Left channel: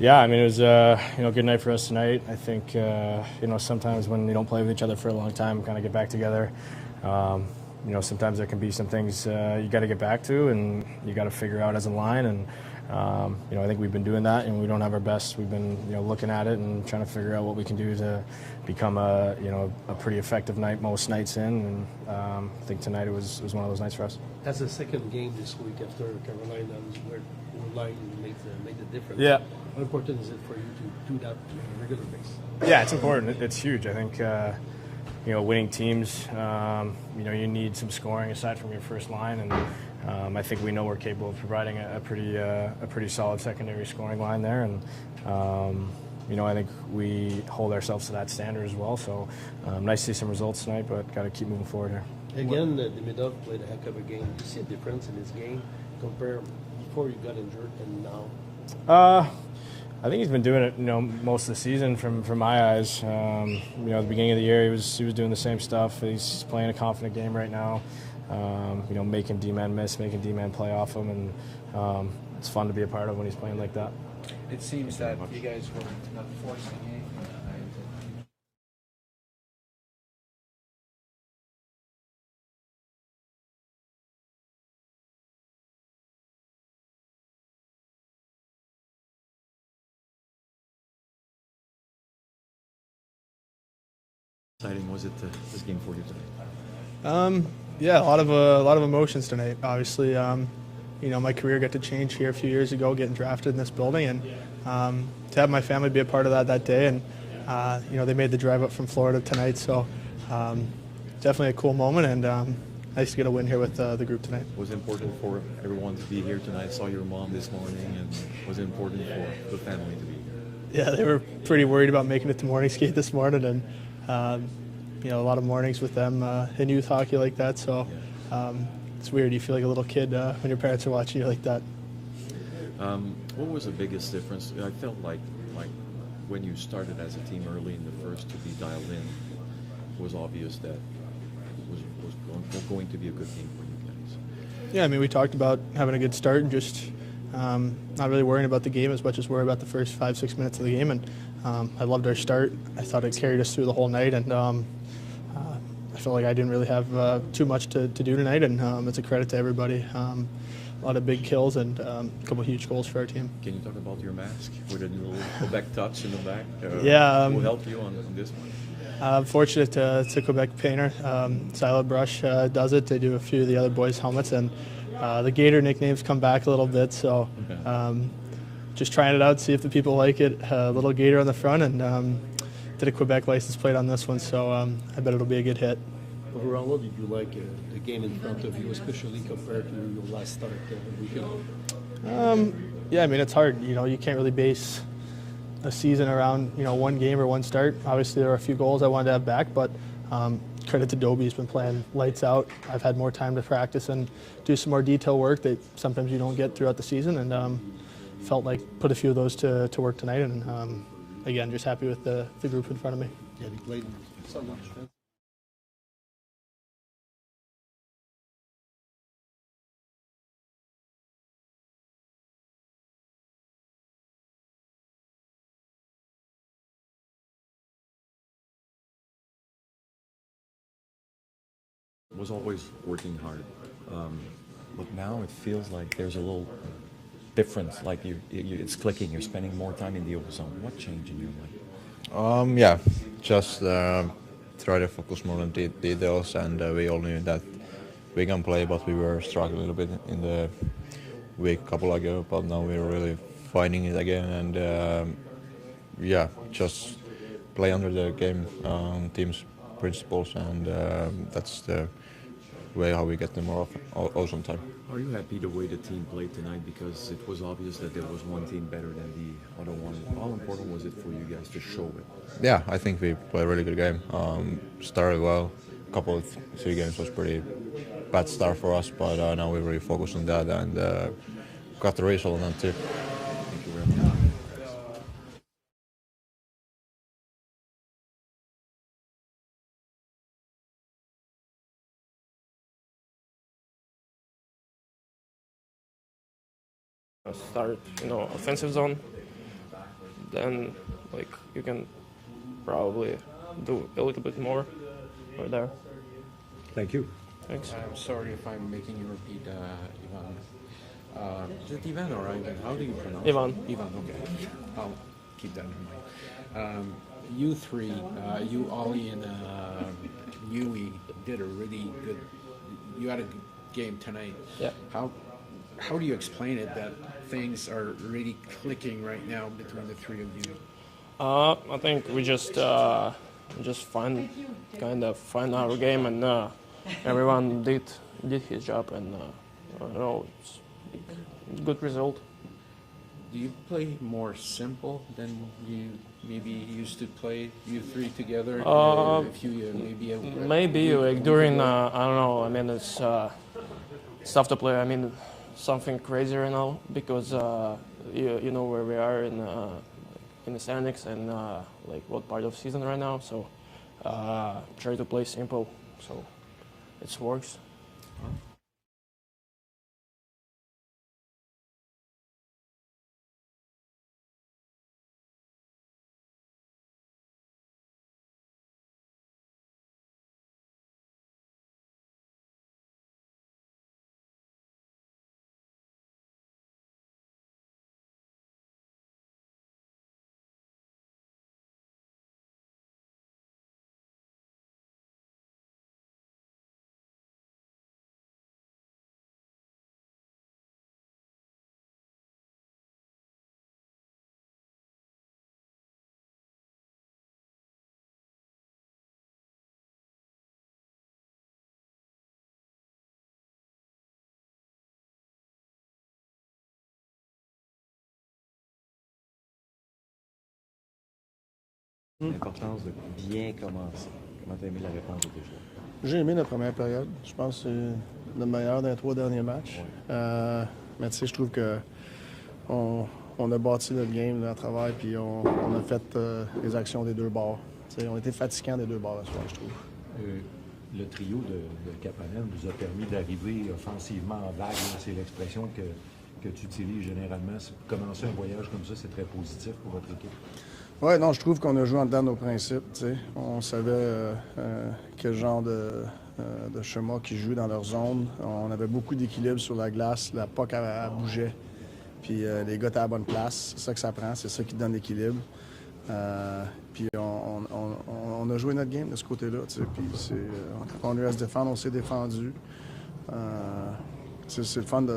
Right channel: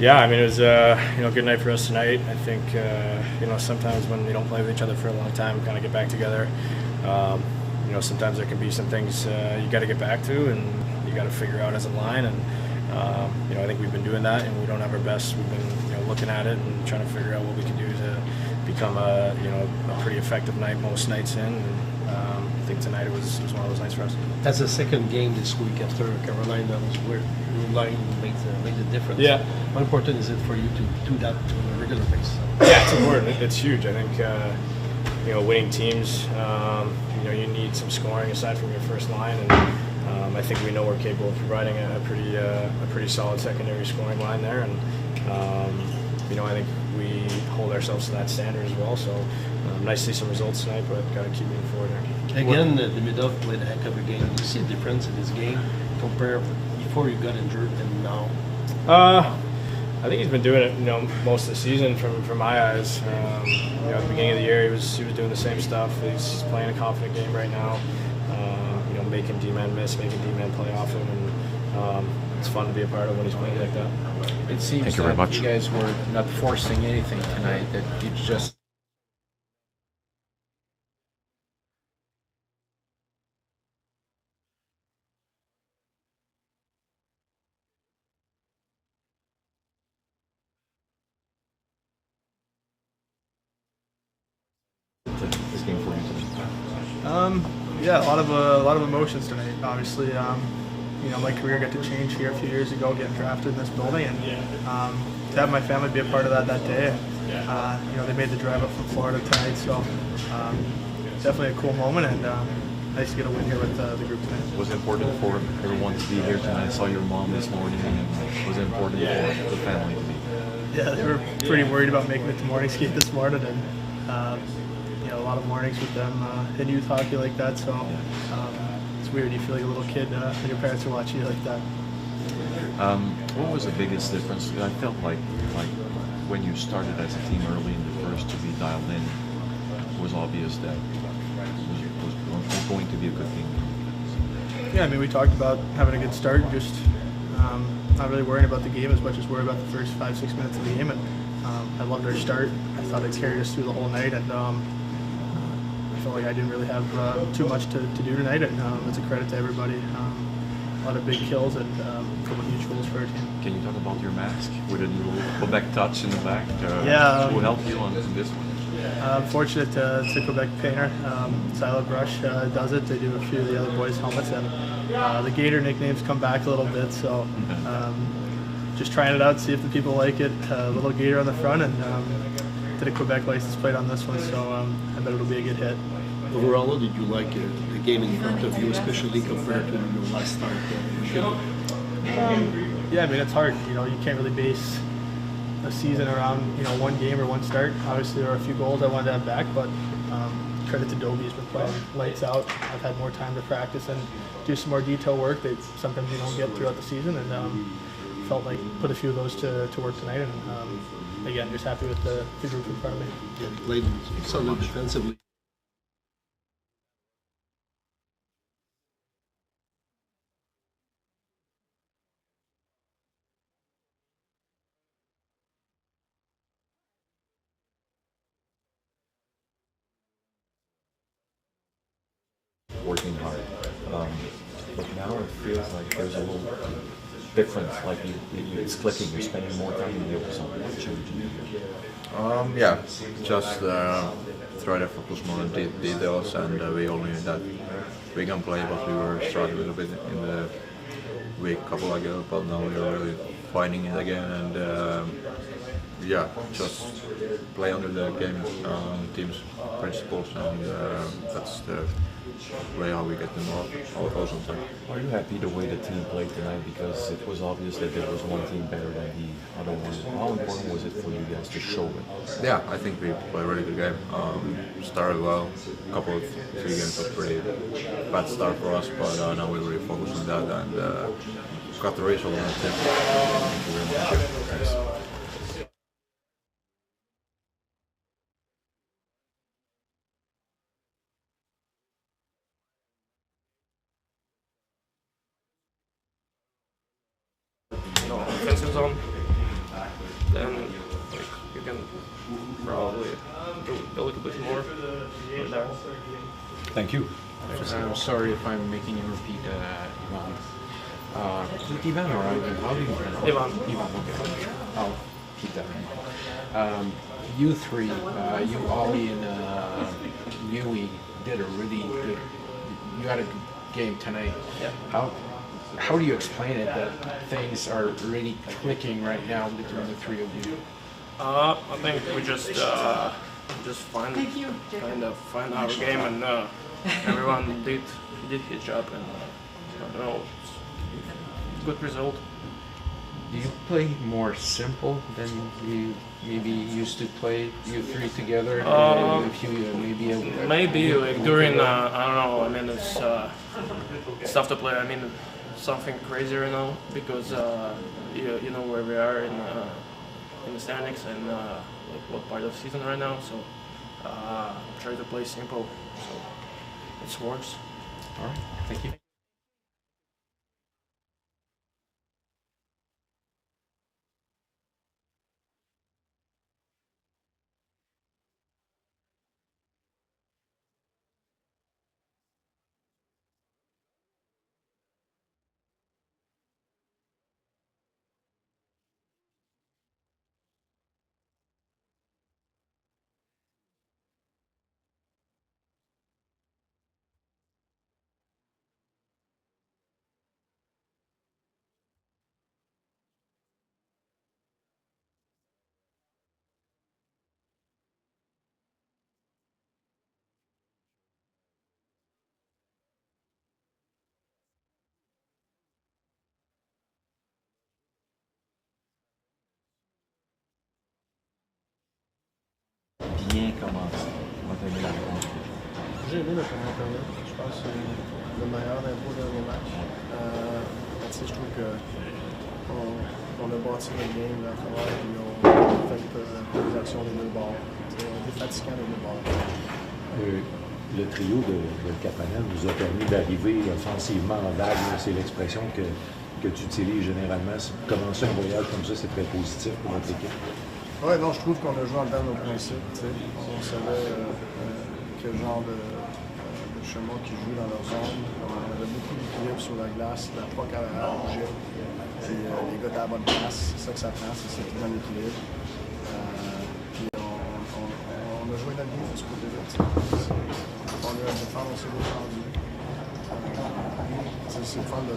Yeah, I mean, it was a good night for us tonight. I think sometimes when you don't play with each other for a long time, we kind of get back together. Sometimes there can be some things you got to get back to, and you got to figure out as a line. And I think we've been doing that, and we don't have our best. We've been looking at it and trying to figure out what we can do to become a pretty effective night most nights in. And I think tonight it was one of those nights for us. That's the second game this week after Carolina. That was where your line made the difference. Yeah. How important is it for you to do that to a regular basis? Yeah, it's important. It's huge. I think winning teams, you need some scoring aside from your first line, and I think we know we're capable of providing a pretty solid secondary scoring line there, and I think we hold ourselves to that standard as well. So nice to see some results tonight, but got to keep moving forward there. Again, Demidov played a heck of a game. You see a difference in his game compared before you got injured and now? I think he's been doing it, most of the season from my eyes. At the beginning of the year, he was doing the same stuff. He's playing a confident game right now. Making D-men miss, making D-men play off him, and it's fun to be a part of when he's playing like that. It seems like you guys were not forcing anything tonight. That you just. Exciting was it this game for you today? Yeah, a lot of emotions tonight. Obviously, my career got to change here a few years ago, getting drafted in this building, and to have my family be a part of that day. And they made the drive up from Florida tonight, so definitely a cool moment, and nice to get a win here with the group tonight. Was it important for everyone to be here tonight? I saw your mom this morning, and was it important for the family to be here? Yeah, they were pretty worried about making it to morning skate this morning, and a lot of mornings with them in youth hockey like that, so it's weird. You feel like a little kid when your parents are watching you like that. What was the biggest difference? I felt like when you started as a team early in the first to be dialed in, it was obvious that it was going to be a good team. Yeah, I mean, we talked about having a good start and just not really worrying about the game as much as worrying about the first 5-6 minutes of the game. And I loved our start. I thought it carried us through the whole night, and I felt like I didn't really have too much to do tonight, and it's a credit to everybody. A lot of big kills and a couple huge goals for our team. Can you talk about your mask with a little Quebec touch in the back? Yeah. Will help you on this one? I'm fortunate to Quebec painter. Silo Brush does it. They do a few of the other boys' helmets, and the Gator nicknames come back a little bit, so just trying it out, see if the people like it. Little Gator on the front, and did a Quebec license plate on this one, so I bet it'll be a good hit. Overall, how did you like the game in front of you, especially compared to your last start weekend? Yeah, I mean, it's hard. You can't really base a season around one game or one start. Obviously, there are a few goals I wanted to have back, but credit to Dobie, he's been playing lights out. I've had more time to practice and do some more detail work that sometimes you don't get throughout the season, and felt like put a few of those to work tonight. And again, just happy with the group in front of me. Yeah, he played solid defensively. Was always working hard, but now it feels like there's a little difference. Like it's clicking. You're spending more time in the open zone. What changed in Yeah, just try to focus more on details, and we all knew that we can play, but we were struggling a little bit in the week couple ago. But now we're really finding it again, and just play under the game team's principles, and that's the way how we get them all on time. Are you happy the way the team played tonight? Because it was obvious that there was one team better than the other one. How important was it for you guys to show it? Yeah, I think we played a really good game. Started well. A couple of 3 games was pretty bad start for us, but now we're really focused on that, and got the result on it too. Thank you very much. Start, offensive zone. then like you can probably do a little bit more there. Thank you. I'm sorry if I'm making you repeat, Ivan. Is it Ivan or Ivan? How do you pronounce it? Ivan. Ivan, okay. I'll keep that in mind. You three, you, Ollie, and Newey did a really good. You had a good game tonight. Yeah. How do you explain it that things are really clicking right now between the three of you? I think we just kind of find our game, and everyone did his job, and I don't know, it's a good result. Do you play more simple than you maybe used to play, you three together? If you Maybe like during I don't know. I mean, it's tough to play. I mean, something crazier, you know, because you know where we are in the standings and like what part of the season right now. So try to play simple. So it works. All right, thank you. L'importance de bien commencer. Comment t'as aimé la réponse? J'ai aimé la première période. Je pense que c'est le meilleur des 3 derniers matchs. Mais tu sais, je trouve qu'on a bâti notre game là, à travers, puis on a fait les actions des deux bords. Tu sais, on a été fatigants des deux bords. Le trio de Kapanen nous a permis d'arriver offensivement en vague. C'est l'expression que tu utilises généralement. Commencer un voyage comme ça, c'est très positif pour notre équipe. Oui, non, je trouve qu'on a joué en dedans de nos principes. T'sais. On savait quel genre de schéma qui joue dans leur zone. On avait beaucoup d'équilibre sur la glace, la POC bougeait. Puis les gars étaient à la bonne place. C'est ça que ça prend, c'est ça qui donne l'équilibre. Puis on a joué notre game de ce côté-là. On a eu à se défendre, on s'est défendu. C'est le fun de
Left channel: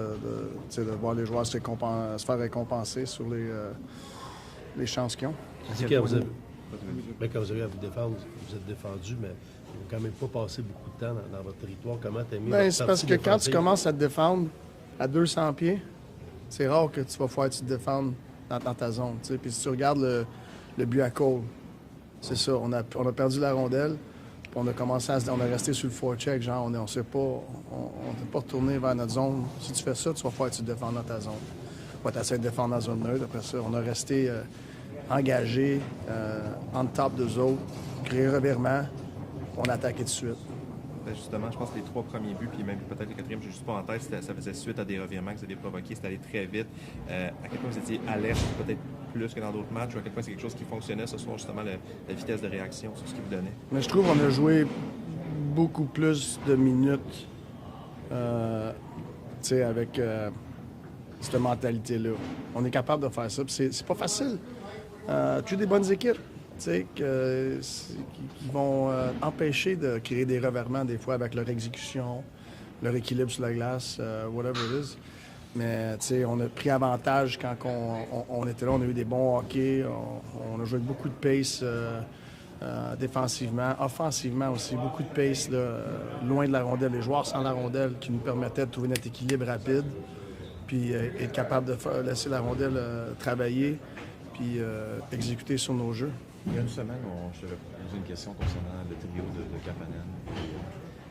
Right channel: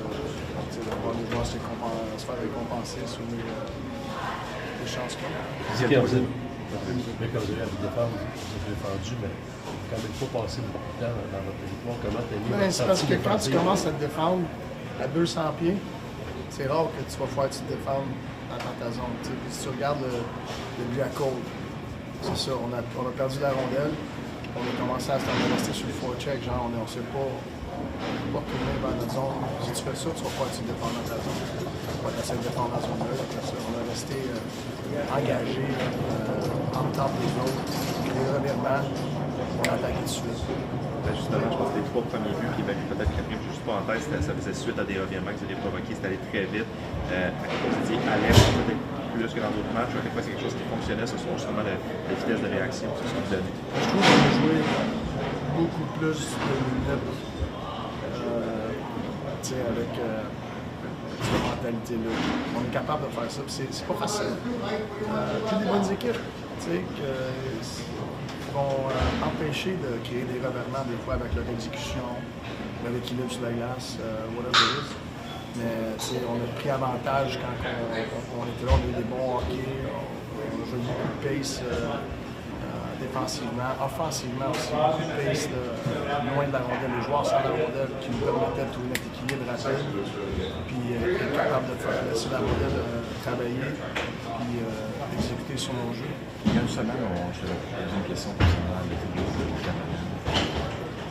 voir les joueurs se faire récompenser sur les chances qu'ils ont. C'est quand vous avez défendu, mais quand même pas passé beaucoup de temps dans votre territoire. Comment t'as mis? Ben, c'est parce que quand tu commences à te défendre à 200 pieds, c'est rare que tu vas pouvoir te défendre dans ta zone. Puis si tu regardes le but à Cole, c'est ça, on a perdu la rondelle, on a commencé à rester sur le forecheck, genre on ne s'est pas retourner vers notre zone. Si tu fais ça, tu vas pas te défendre dans ta zone. Tu vas essayer de défendre dans la zone neutre. Après ça, on a resté engagé en temps des autres, créé un revirement, on a attaqué tout de suite. Justement, je pense que les 3 premiers buts, puis même peut-être le 4e, juste pas en tête, ça faisait suite à des revirements que vous avez provoqués, c'était allé très vite. Vous étiez alerte, peut-être plus que dans d'autres matchs, à quel point c'est quelque chose qui fonctionnait ce soir, justement la vitesse de réaction, c'est ce que vous donnez. Je trouve qu'on a joué beaucoup plus de minutes avec cette mentalité-là. On est capable de faire ça, c'est pas facile. Tu as des bonnes équipes qui vont empêcher de créer des revirements des fois avec leur exécution, leur équilibre sur la glace, whatever it is. Mais on a pris avantage quand on était là, on a eu des bons hockey, on a joué beaucoup de pace défensivement, offensivement aussi, beaucoup de pace loin de la rondelle, les joueurs sans la rondelle qui nous permettaient de trouver notre équilibre rapide, puis être capable de laisser la rondelle travailler, puis exécuter sur nos jeux. Il y a une semaine, je te posais une question concernant le trio de Canadiens.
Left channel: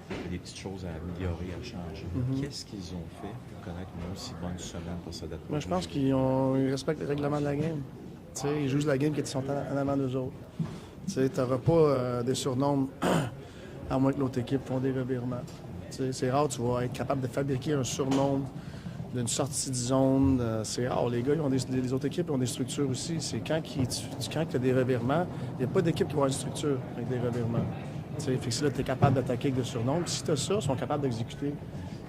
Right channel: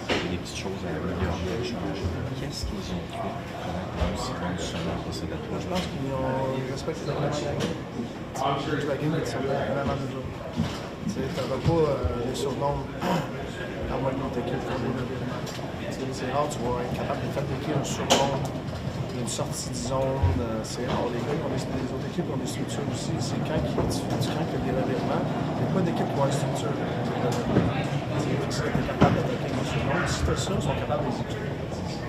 Il y a des petites choses à améliorer, à changer. Qu'est-ce qu'ils ont fait pour être aussi bons souvent passé de toi? Je pense qu'ils respectent le règlement de la game. Ils jouent la game et ils sont en avant de l'autre. Tu n'auras pas des surnoms à moins que l'autre équipe fasse des revirements. C'est rare, tu vas être capable de fabriquer un surnom d'une sortie de zone. C'est rare. Les gars, les autres équipes ont des structures aussi. C'est quand il y a des revirements, il n'y a pas d'équipe qui va avoir une structure avec des revirements. Si tu es capable d'attaquer les surnoms, si tu as ça, ils sont capables d'exécuter.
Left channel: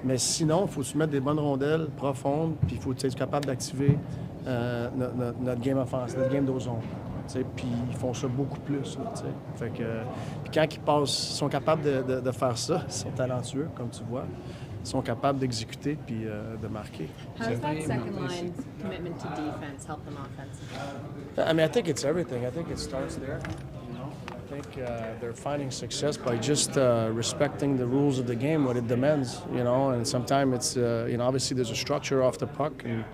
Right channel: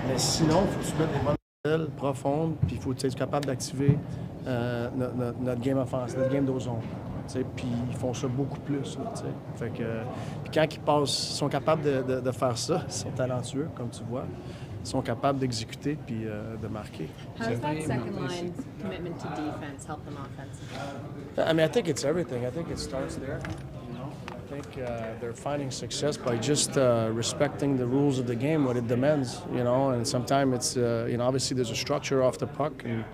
Mais sinon, il faut que tu mettes des bonnes rondelles profondes, puis il faut être capable d'activer notre game offense, notre game d'ozone. Puis ils font ça beaucoup plus. Là, fait que, puis quand ils sont capables de faire ça, ils sont talentueux, comme tu vois. Ils sont capables d'exécuter puis de marquer. How does that second line commitment to defense help them offensively? I mean, I think it's everything. I think it starts there. You know, I think they're finding success by just respecting the rules of the game, what it demands. You know, and sometimes it's obviously there's a structure off the puck and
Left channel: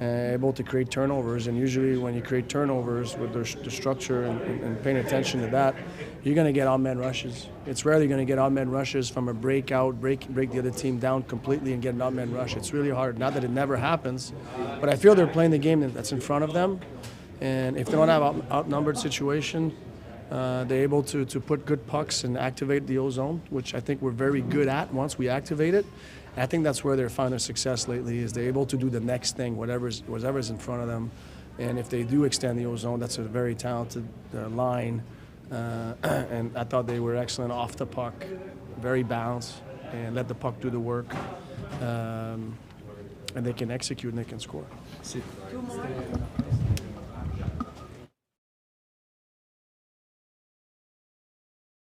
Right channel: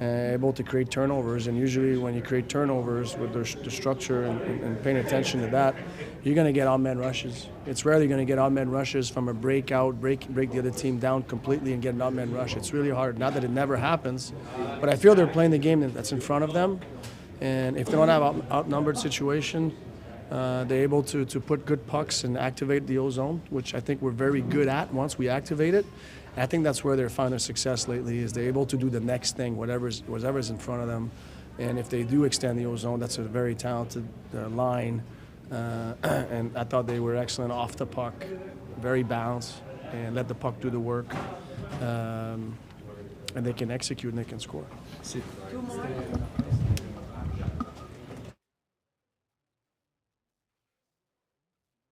able to create turnovers. And usually, when you create turnovers with the structure and paying attention to that, you're going to get odd-man rushes. It's rarely going to get odd-man rushes from a break the other team down completely and get an odd-man rush. It's really hard. Not that it never happens, but I feel they're playing the game that's in front of them. And if they don't have outnumbered situation, they're able to put good pucks and activate the ozone, which I think we're very good at once we activate it. I think that's where they're finding their success lately, is they're able to do the next thing, whatever's in front of them. And if they do extend the ozone, that's a very talented line. And I thought they were excellent off the puck, very balanced, and let the puck do the work. And they can execute and they can score.